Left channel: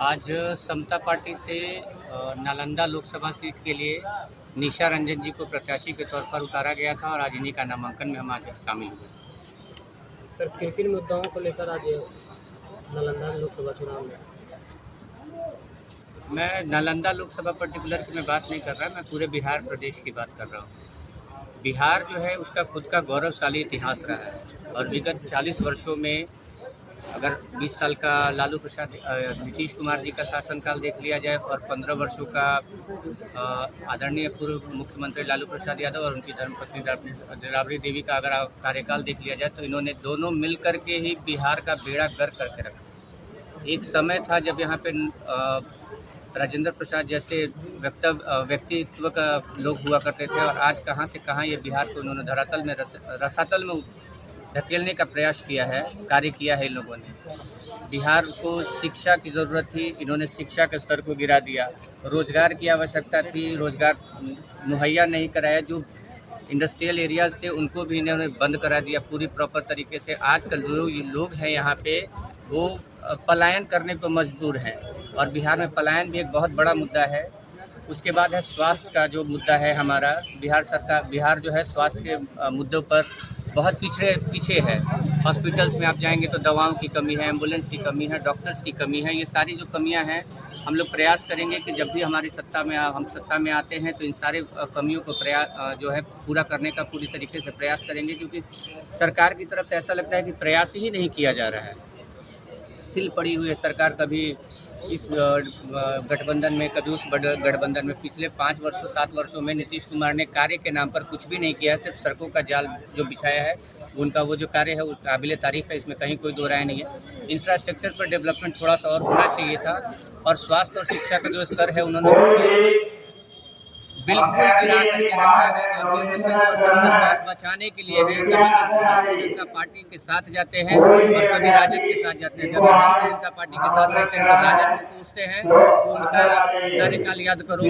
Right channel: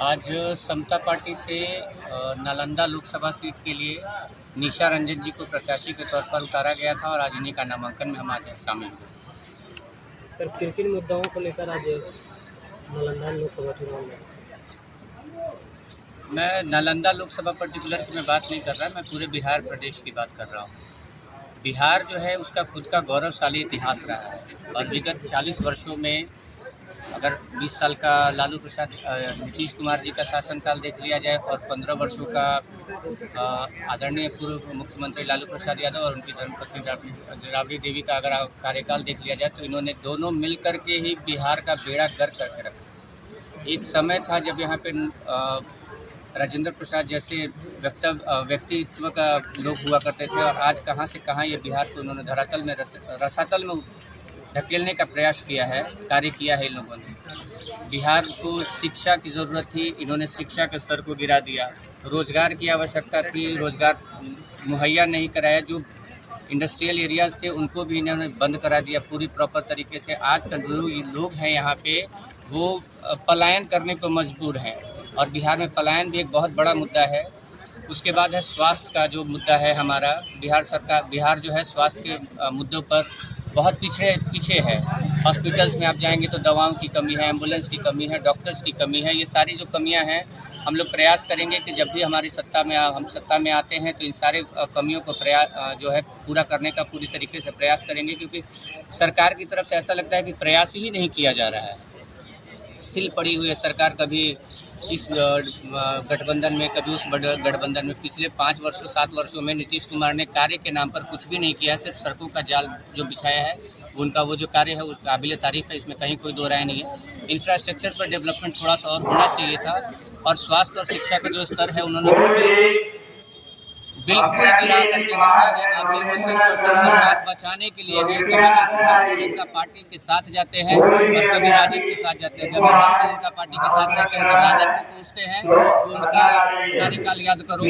आज समता पार्टी से नालंदा लोकसभा सीट के लिए निशा रंजन जी को प्रत्याशी के तौर पर उतारा गया था और आज इन्हीं का नामांकन में हम आज शामिल हुए। सर, किन किन मुद्दाओं को लेकर आज नालंदा लोकसभा चुनाव में? मैं नालंदा लोकसभा पर्टिकुलर की मैं बात नहीं कर रहा, मैं पूरे बिहार प्रदेश की बात कर रहा हूँ। बिहार जो है उसका खुद का गौरवशाली इतिहास रहा है और विगत 40 वर्षों में अगर 20 साल का लालू प्रसाद नीतीश कुमार जी का शासनकाल देख लिया जाए और 15 वर्षों का आदरणीय पूर्व मुख्यमंत्री लालू प्रसाद यादव और उनकी धर्मपत्नी राबड़ी देवी का अगर कार्यकाल देख लिया जाए तो इन्होंने दोनों मिल कर के ही बिहार का बेड़ा गर्क करके रखा। एक समय था जब यहाँ पे राजेंद्र प्रसाद जैसे व्यक्तित्व का लोग हुआ करते थे और आज कहाँ से कहाँ ये बिहार को उन्होंने धरातल में रसातल में धकेलने का प्रयास किया है, कार्य किया है इन लोगों ने। बिहार को शिक्षा की ज़रूरत थी, इन्होंने शिक्षा के स्तर को गिरा दिया। रोज़गार की आवश्यकता थी, रोज़गार मुहैया नहीं कराया। जो इंडस्ट्रियल एरियाज़ थे उनको भी इन्होंने बंद करा दिया पूरी प्रॉपर तरीके से। आजकल जो लोग हैं यहाँ पे वो पलायन करने को मजबूर हैं और बिहार में पलायन भी एक बहुत बड़ा मुद्दा है। उसके बाद है स्वास्थ्य का जो मुद्दा है हमारा। बिहार जो है स्वास्थ्य के मुद्दों पर बहुत पीछे है। हॉस्पिटल्स में आप जाएंगे तो दवाओं की कमी है, एम्बुलेंस की कमी है, डॉक्टर्स की कमी है। ये सारी जो कमियां हैं हम लोग प्रयास करेंगे कि जब भी हमारी हम सत्ता में आते हैं तो इन सारे कमियों को जो है पूरा करने का पूरी तरीके से प्रयास करेंगे, क्योंकि सरकार की तरफ से ऐसा लगता है कि प्रयास ही नहीं किया जा रहा है। स्थिर पड़ी हुई है सरकार, कभी इस गठबंधन में कभी उस गठबंधन में। पिछले 5 वर्षों 7 वर्षों में नीतीश कुमार ने कार्य के नाम पर कुछ भी नहीं किया, सिर्फ सड़कों का जाल जो बिछाया है। उनका वो जो कार्य है वो काबिल तारीफ है, इसमें कहीं कोई दो राय नहीं है। इंफ्रास्ट्रक्चर पर डेवलपमेंट थोड़ा सा और होना चाहिए था और स्वास्थ्य और शिक्षा का जो स्तर है उन्होंने बिल्कुल गिरा करके रखा है। अभी वो सिर्फ सरकार बचाने के लिए है। कभी भारतीय जनता पार्टी के साथ जाते हैं और कभी राजद के साथ जाते हैं। जब भारतीय जनता पार्टी के साथ रहते हैं तो राजद को पूछते हैं तो उनका कार्यकाल याद करो,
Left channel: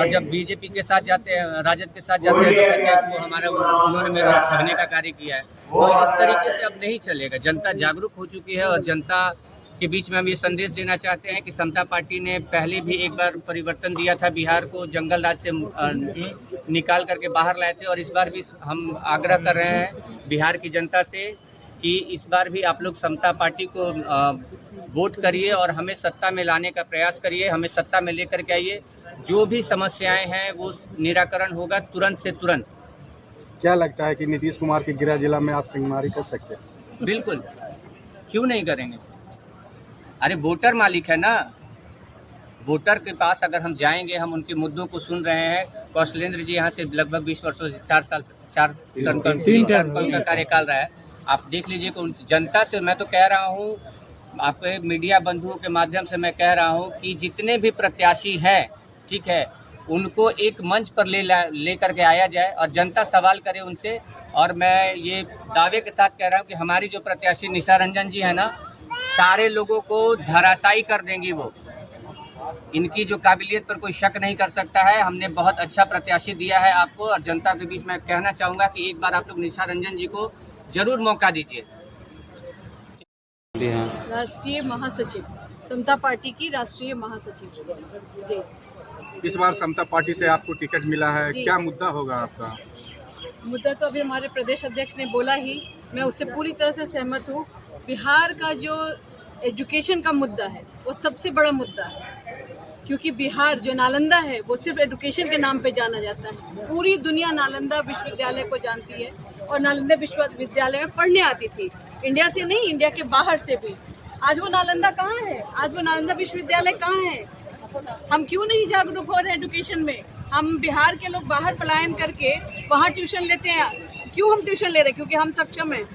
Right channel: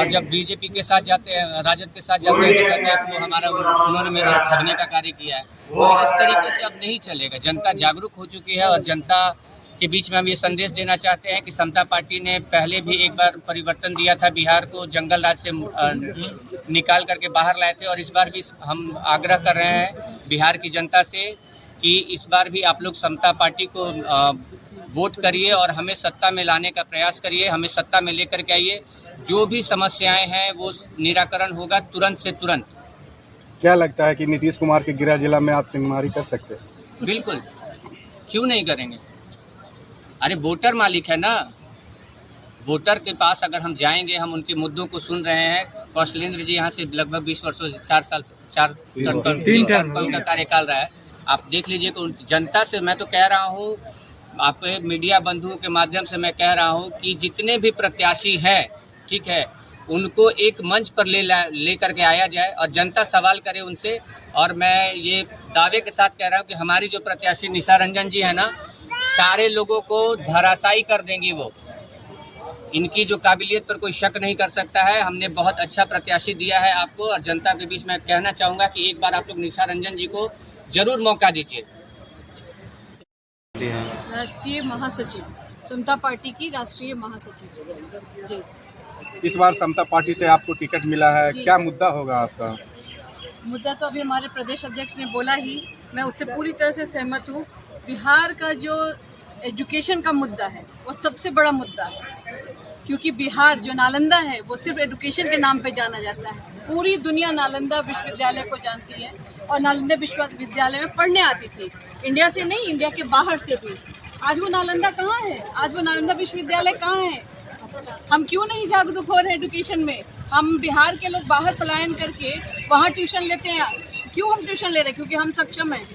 और जब बीजेपी के साथ जाते हैं, राजद के साथ जाते हैं तो कहते हैं कि वो उन्होंने मेरे ठगने का कार्य किया है। तो इस तरीके से अब नहीं चलेगा। जनता जागरूक हो चुकी है और जनता के बीच में हम ये संदेश देना चाहते हैं कि समता पार्टी ने पहले भी एक बार परिवर्तन दिया था, बिहार को जंगल राज से निकाल करके बाहर लाए थे, और इस बार भी हम आग्रह कर रहे हैं बिहार की जनता से कि इस बार भी आप लोग समता पार्टी को वोट करिए और हमें सत्ता में लाने का प्रयास करिए। हमें सत्ता में लेकर के आइए, जो भी समस्याएं हैं वो निराकरण होगा तुरंत से तुरंत। क्या लगता है कि नीतीश कुमार के गृह जिला में आप सिंहमारी कर सकते हैं? बिल्कुल, क्यों नहीं करेंगे। अरे वोटर मालिक है ना, वोटर के पास अगर हम जाएंगे, हम उनके मुद्दों को सुन रहे हैं। कौशलेंद्र जी यहाँ से लगभग 20 वर्षों से 3 टर्म का कार्यकाल रहा है। आप देख लीजिए कि जनता से मैं तो कह रहा हूँ, आपके मीडिया बंधुओं के माध्यम से मैं कह रहा हूँ कि जितने भी प्रत्याशी हैं, ठीक है, उनको एक मंच पर ले करके आया जाए और जनता सवाल करे उनसे। और मैं ये दावे के साथ कह रहा हूँ कि हमारी जो प्रत्याशी निशा रंजन जी है ना, सारे लोगों को धराशायी कर देंगी। वो इनकी जो काबिलियत पर कोई शक नहीं कर सकता है। हमने बहुत अच्छा प्रत्याशी दिया है आपको, और जनता के बीच में कहना चाहूँगा कि एक बार आप लोग निशा रंजन जी को जरूर मौका दीजिए। राष्ट्रीय महासचिव, समता पार्टी की राष्ट्रीय महासचिव जी। इस बार समता पार्टी से आपको टिकट मिला है, क्या मुद्दा होगा आपका? मुद्दा तो अभी हमारे प्रदेश अध्यक्ष ने बोला ही, मैं उससे पूरी तरह से सहमत हूँ। बिहार का जो एजुकेशन का मुद्दा है वो सबसे बड़ा मुद्दा है, क्योंकि बिहार जो नालंदा है वो सिर्फ एजुकेशन के नाम पे जाना जाता है। पूरी दुनिया नालंदा विश्वविद्यालय को जानती है और नालंदा विश्वविद्यालय में पढ़ने आती थी, इंडिया से नहीं, इंडिया के बाहर से भी। आज वो नालंदा कहाँ है? आज वो नालंदा विश्वविद्यालय कहाँ है? हम क्यों नहीं जागरूक हो रहे हैं एजुकेशन में? हम बिहार के लोग बाहर पलायन करके वहाँ ट्यूशन लेते हैं। क्यों हम ट्यूशन ले रहे हैं? क्योंकि हम सक्षम हैं,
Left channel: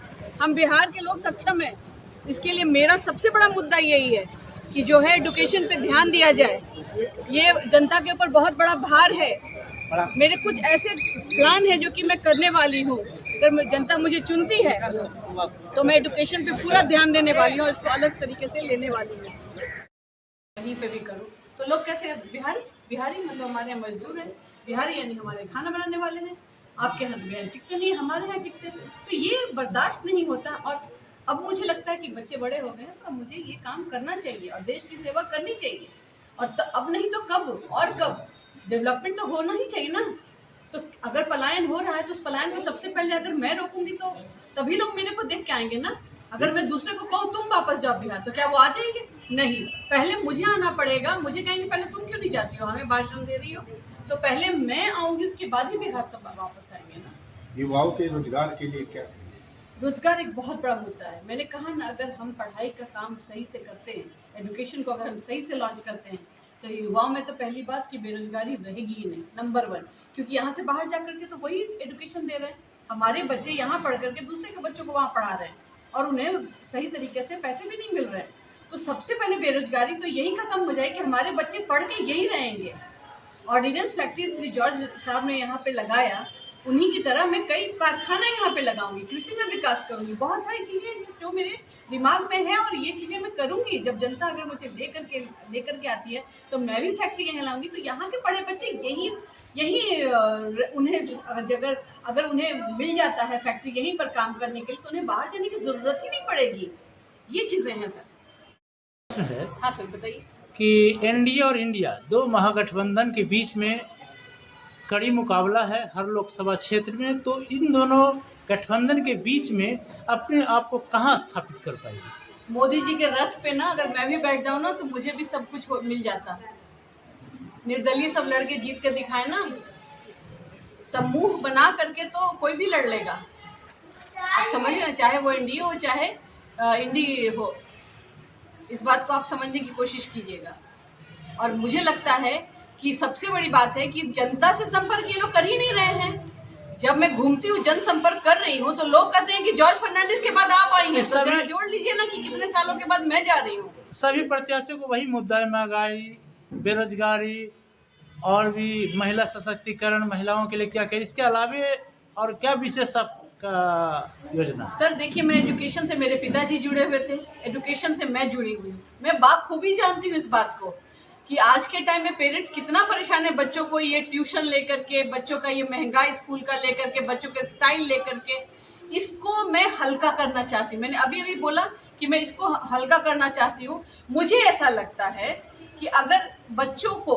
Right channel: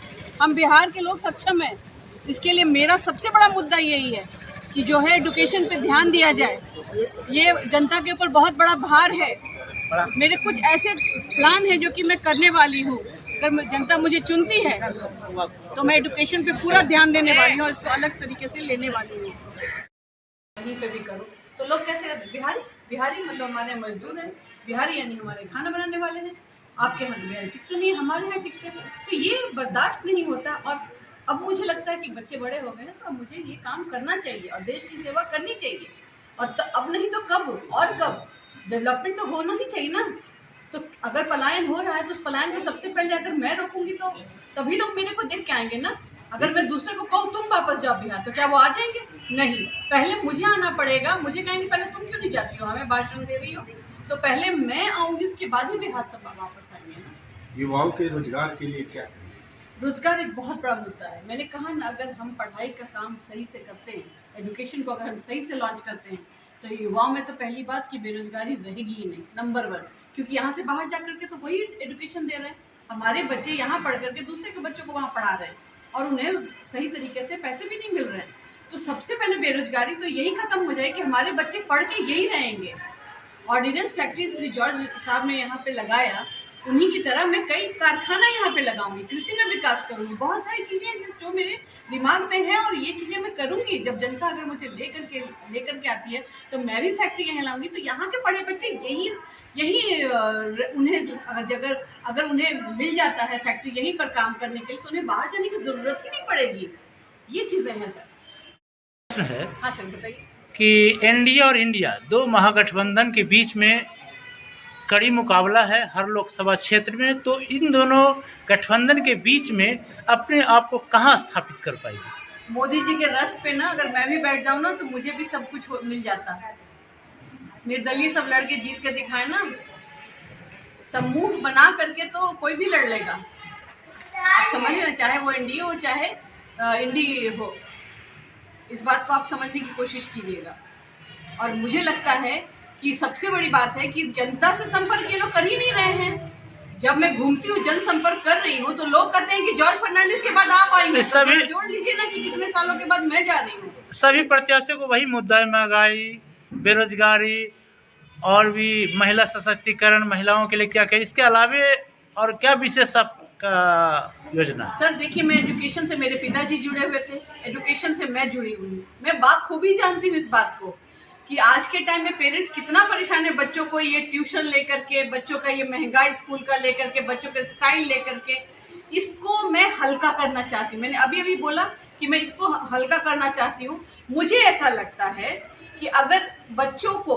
हम बिहार के लोग सक्षम हैं। इसके लिए मेरा सबसे बड़ा मुद्दा यही है कि जो है एजुकेशन पे ध्यान दिया जाए। ये जनता के ऊपर बहुत बड़ा भार है। मेरे कुछ ऐसे प्लान है जो कि मैं करने वाली हूँ। अगर जनता मुझे चुनती है तो मैं एजुकेशन पे पूरा ध्यान देने वाली हूँ, इसको अलग तरीके से लेने वाली हूँ। वहीं पे भी करूँ तो लोग कैसे बिहारी मतलब हमारे मजदूर हैं, बिहारी यानी हमारे खाना बनाने वाले हैं। आपके यहाँ बिहारी टिकते नहीं, हमारे यहाँ टिकते हैं, तो ये बर्दाश्त नहीं होता। और अब मुझे लगता है कि बच्चे बड़े हो गए हैं, तो अब मुझे ये काम करना चाहिए और देश की सेवा करनी चाहिए। और अब नहीं तो कब, और कब? डेवलपमेंट तो होना ही चाहिए ना। तो अगर पलायन हो रहा है तो उस पलायन को सबसे पहले अगर मैं रोकूंगी तो तभी लोग मेरे को देख के आएंगे ना। अगर मैं दूसरे को कहूँ तुम वापस जाओ बिहार, तो क्या वो आ जाएंगे? नहीं, पहले मुझे आना पड़ेगा। मुझे कहेंगे पहले तुम क्यों नहीं जाती हो, हमें भाषण दे रही हो। तो पहले मैं आऊंगी, उसके बाद ही बिहार सब वापस आएंगे ना। युवाओं के रोजगार के लिए क्या? रोजगार एक बहुत बड़ा मुद्दा है। मैंने कहा ना, अगर हम पढ़ाई का काम सही से करते हैं, एजुकेशन को अगर हम सही से लॉन्च करते हैं, तो युवाओं में तो पहली बात कि बेरोजगारी रहेगी ही नहीं, नंबर 1। क्योंकि यहाँ से बाहर जा करके तो वही एजुकेशन दे रहे हैं। हमारे बच्चे यहाँ पढ़ करके दूसरे के बच्चों को वहाँ पढ़ा रहे हैं और उन्हें सही तरीके से पैसे भी नहीं मिल रहे हैं। तो सबसे पहले बेरोजगारी तो यही खत्म हो जाए कि हमारे बच्चे पढ़ के यही रहेंगे। ऑर्डिनेंस फैक्ट्री श्री जॉर्ज साहब ने यहाँ पे लगाया, उन्हीं की तरह मैं कई कारखाना यहाँ पे लगाऊंगी, कृषि में विकास करूंगी। बहुत सारी चीजें जो मेरे दिमाग में है और ये चीजें मैं करूंगी। जब जनता अगर मुझे लेकर के आती है तो मैं भी फैक्ट्री यहाँ लाऊंगी। तो यहाँ के पढ़े बच्चे यही उन्हें अगर उन्हें मिल जाता है फैक्ट्री यहीं पर काम करने के लिए, तो उन्हें बाहर जाने की जरूरत ही नहीं पड़ेगी। ये चीजें हैं सर। है हाँ सर, बताइए। कि एनडीए और इंडिया, दो महागठबंधन के बीच में कड़ी मुकाबला है हर लोकसभा क्षेत्र में। तो इन दोनों गठबंधन के बीच में अपने आप को कहाँ स्थापित कर पाएगी? मोदी जी के रथ पे ना अगर मैं भी बैठ जाऊँ ना, तो मुझे भी सब कुछ मिल जाता है। निर्दलीय सब लड़के जीत के दिखाए ना, समूह बना करके तो कोई भी लड़ लेगा। आप समझ लेना, चाहे वो एनडीए हो चाहे इंडी हो, इस बात को आप समझने की कोशिश कीजिएगा। और मुझे लगता है कि सबसे बड़ी बात है कि जनता से संपर्क ये लोग कर ही नहीं रहे हैं। जब मैं घूमती हूँ, जनसंपर्क कर रही हूँ, तो लोग कहते हैं कि जॉर्ज फर्नांडिस के बाद आप आएंगे। तो सभी जोड़ लीजिए ना कि कितने सालों के बाद मैं जा रही हूँ। सभी प्रत्याशियों को वही मुद्दा है, महंगाई, बेरोजगारी और भी महिला सशक्तिकरण, महिलाओं के लिए क्या क्या, इसके अलावे और क्या विशेष आपका योजना? सर देखिए, मैं एजुकेशन से, मेरे पिताजी जुड़े हुए थे, एजुकेशन से मैं जुड़ी हुई हूँ। मैं बाखूबी जानती हूँ इस बात को कि आज के टाइम में पेरेंट्स कितना परेशान है बच्चों को ये ट्यूशन लेकर के, बच्चों का ये महंगा स्कूल का लेकर के, बच्चों का स्टाइल लेकर के। इसको मैं हल्का करना चाहती हूँ। मैंने अभी बोला कि मैं इसको हल्का करना चाहती हूँ। मुझे ऐसा लगता है कि अगर बच्चों को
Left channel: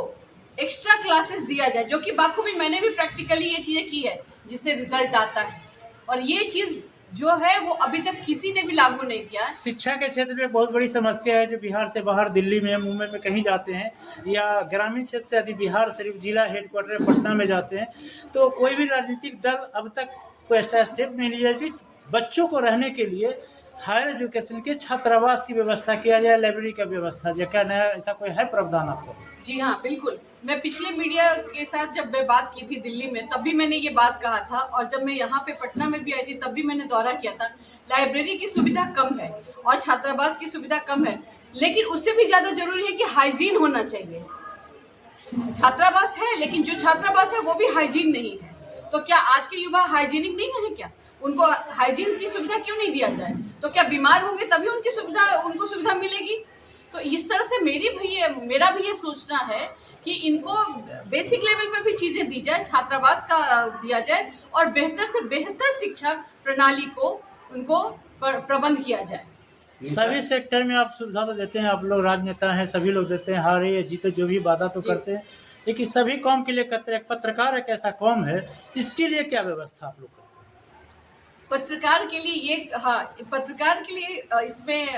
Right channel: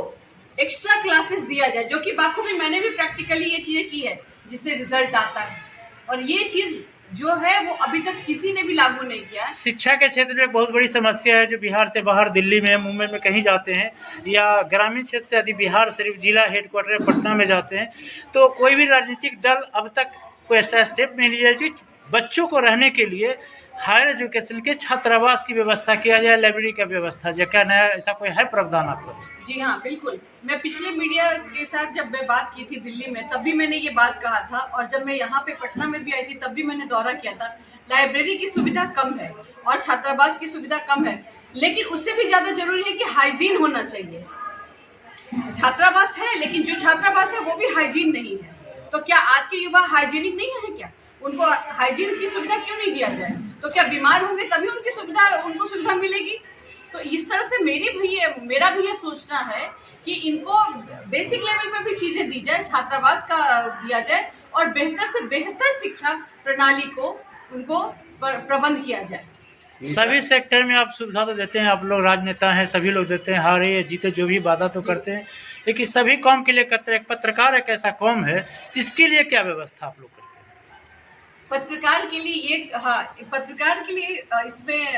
एक्स्ट्रा क्लासेस दिया जाए, जो कि बाखूबी मैंने भी प्रैक्टिकली ये चीज़ें की है, जिससे रिजल्ट आता है, और ये चीज़ जो है वो अभी तक किसी ने भी लागू नहीं किया है। शिक्षा के क्षेत्र में बहुत बड़ी समस्या है। जो बिहार से बाहर दिल्ली में, मुंबई में कहीं जाते हैं, या ग्रामीण क्षेत्र से यदि बिहार सिर्फ जिला हेडक्वार्टर पटना में जाते हैं, तो कोई भी राजनीतिक दल अब तक कोई ऐसा स्टेप नहीं लिया कि बच्चों को रहने के लिए हायर एजुकेशन के छात्रावास की व्यवस्था किया जाए, लाइब्रेरी का व्यवस्था। जो क्या नया ऐसा कोई है प्रावधान आपका? जी हाँ, बिल्कुल। मैं पिछले मीडिया के साथ जब मैं बात की थी दिल्ली में, तब भी मैंने ये बात कहा था, और जब मैं यहाँ पे पटना में भी आई थी तब भी मैंने दौरा किया था। लाइब्रेरी की सुविधा कम है और छात्रावास की सुविधा कम है, लेकिन उससे भी ज़्यादा जरूरी है कि हाइजीन होना चाहिए। छात्रावास है, लेकिन जो छात्रावास है वो भी हाइजीन नहीं है। तो क्या आज के युवा हाइजीनिक नहीं है क्या? उनको हाइजीन की सुविधा क्यों नहीं दिया जाए? तो क्या बीमार होंगे तभी उनको सुविधा मिलेगी? तो इस तरह से मेरा भी ये सोचना है कि इनको बेसिक लेवल पे भी चीजें दी जाए, छात्रावास का दिया जाए, और बेहतर से बेहतर शिक्षा प्रणाली को उनको प्रबंध किया जाए। सभी सेक्टर में आप सुविधा तो देते हैं, आप लोग राजनेता हैं, सभी लोग देते हैं, हारे या जीते जो भी वादा तो करते हैं, लेकिन सभी कौम के लिए करते हैं। एक पत्रकार एक ऐसा कौम है, इसके लिए क्या व्यवस्था आप लोग करते हैं? पत्रकार के लिए इसमें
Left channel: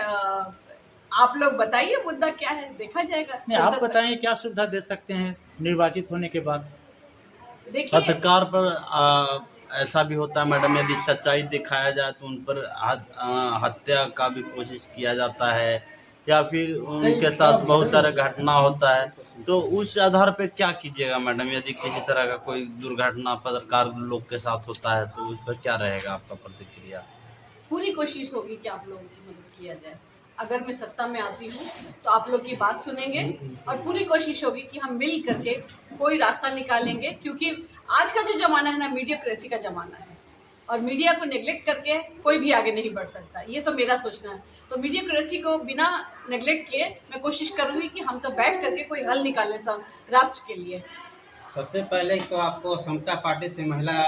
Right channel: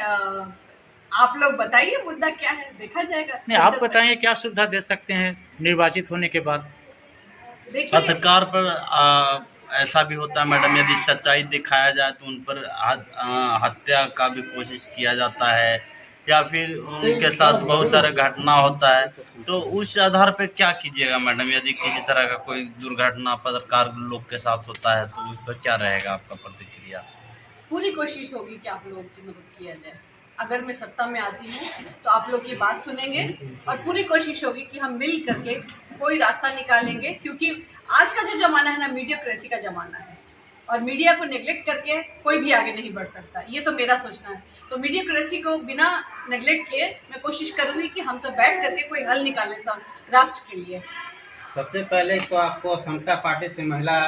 आप लोग बताइए मुद्दा क्या है, देखा जाएगा। नहीं, आप बताइए क्या सुविधा दे सकते हैं निर्वाचित होने के बाद? देखिए, पत्रकार पर ऐसा भी होता है मैडम, यदि सच्चाई दिखाया जाए तो उन पर हत्या का भी कोशिश किया जाता है, या फिर उनके साथ बहुत सारा घटना होता है। तो उस आधार पे क्या कीजिएगा मैडम, यदि किसी तरह का कोई दुर्घटना पत्रकार लोग के साथ होता है तो उस पर क्या रहेगा आपका प्रतिक्रिया? पूरी कोशिश होगी कि आप लोगों की मदद किया जाए। अगर मैं सत्ता में आती हूँ तो आप लोग की बात सुनेंगे, और पूरी कोशिश होगी कि हम मिल करके कोई रास्ता निकालेंगे। क्योंकि आज का जो ज़माना है ना, मीडियाक्रेसी का ज़माना है, और मीडिया को नेग्लेक्ट करके कोई भी आगे नहीं बढ़ सकता। ये तो मेरा सोचना है। तो मीडियाक्रेसी को बिना नेग्लेक्ट किए मैं कोशिश करूँगी कि हम सब बैठ करके कोई हल निकालें सब राष्ट्र के लिए। सबसे पहले तो आपको समता पार्टी से महिला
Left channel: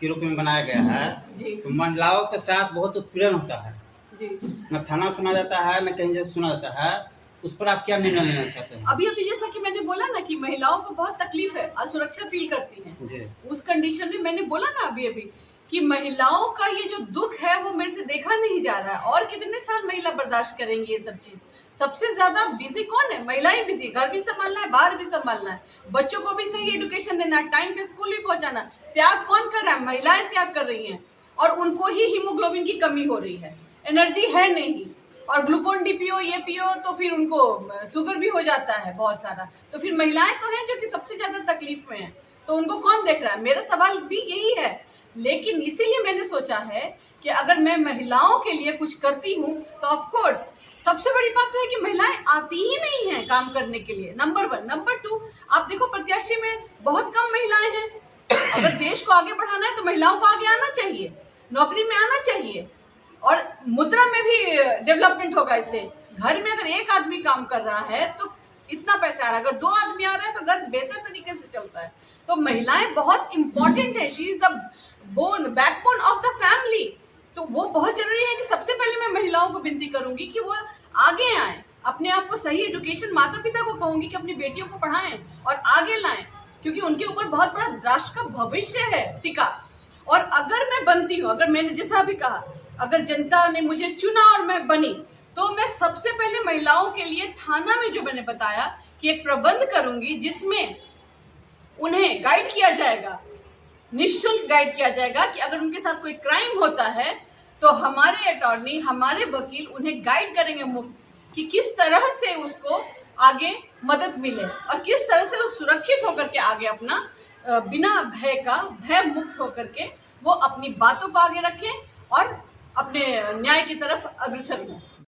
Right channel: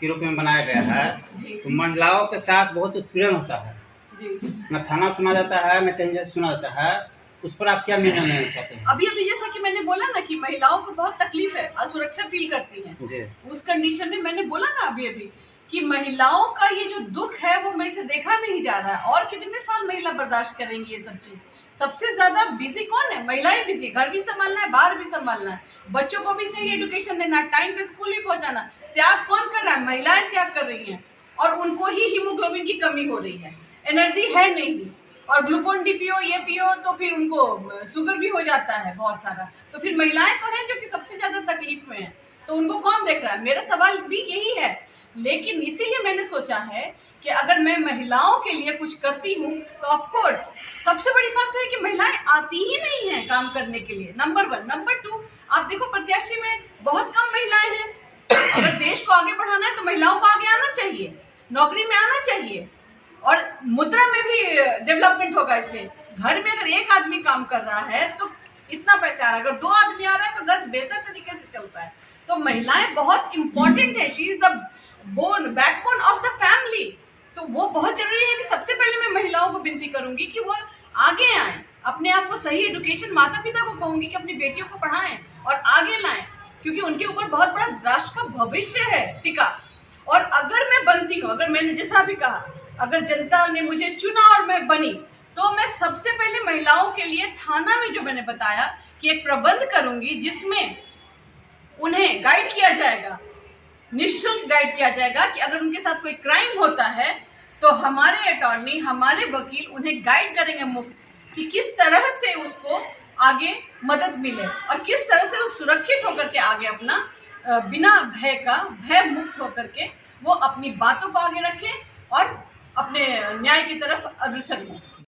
के रूप में बनाया गया है, जी तो महिलाओं के साथ बहुत उत्पीड़न होता है। जी। न थाना सुना जाता है न कहीं सुना जाता है, उस पर आप क्या निर्णय लेना चाहते हैं? अभी जैसा कि मैंने बोला ना कि महिलाओं को बहुत तकलीफ है, असुरक्षा फील करती हैं। जी। उस कंडीशन में मैंने बोला ना अभी कि महिलाओं का ये जो दुख है वो मेरे से देखा नहीं जा रहा है। और कितने साल महिला बर्दाश्त करेंगी ये सब चीज? सबसे ज्यादा बिजी कौन है? महिलाएं बिजी, घर भी संभालना है, बाहर भी संभालना है, बच्चों को भी सही एजुकेशन देना है, टाइम पे स्कूल भी पहुंचाना। त्याग कौन कर रहा है? महिलाएं त्याग कर रही हैं और उनको ही हीमोग्लोबिन की कमी हो रही है, एनर्जी है नहीं, और ग्लूकोन डी पियो, ये पियो तो फिर उनको शुगर भी हो जाता है बहुत सारा। तो फिर महिलाएं तो हैं जो कि सबसे ज्यादा तकलीफ में है, तो उनको कौन देख रहा है? मेरा सवाल भी यही है। लेकिन इसीलिए मैंने सोचा है कि अगर मैं महिलाओं के लिए कुछ करती हूँ तो ऑफ कोर्स सबसे बड़ी बात तो है कि महिलाएं आती ही नहीं हैं काम करने के लिए, नंबर 1। नंबर 2, आप देखो प्रत्याशी में बहुत कम महिलाएं हैं। अगर देश को आगे बढ़ाना है तो महिलाओं को आगे आना चाहिए, नौकरी में आना चाहिए, और मुद्रा में भी डेवलपमेंट होगा इससे। घर में अगर एक आदमी काम कर रहा है तो इतना पैसा आ रहा है, अगर 2 आदमी आ रहे हैं तो घर बेहतर तरीके से चलता है। तो महिलाएं बहुत इंपॉर्टेंट है, she is the backbone of the family. तो वो बहुत जरूरी है कि सबसे पहले मैं महिलाओं को विनती करूंगी कि वो आगे आए, अपने आप को सही एजुकेशन, माता पिता को कहूंगी कि अपनी बेटियों को पढ़ाएं और आगे लाएं, क्योंकि उनके ऊपर बहुत बड़ा राष्ट्र का भविष्य है टिका। और अगर मैं बनती हूँ, अगर मैंने जैसा भी कहा, अगर जनता ने मुझे चुना और मैं बनी, तो मैं सबसे पहले महिलाओं के लिए थाना में जो मैंने बताया कि एक प्रबंध करूंगी जिसमें उन्हें गाइड किया जाएगा, निःशुल्क गाइड किया जाएगा कि अगर उनके साथ कोई क्राइम होता है तो हमारे अटॉर्नी, हमारे वकील उन्हें गाइड करेंगे मुफ्त कि किस तरह से उसको आगे मदद मिले और किस तरह से वो सुरक्षित होकर के आगे अपना बिना भय मुक्त होकर के वो अपनी बातों को आगे रखें और अपने न्याय की तरफ अग्रसर हों।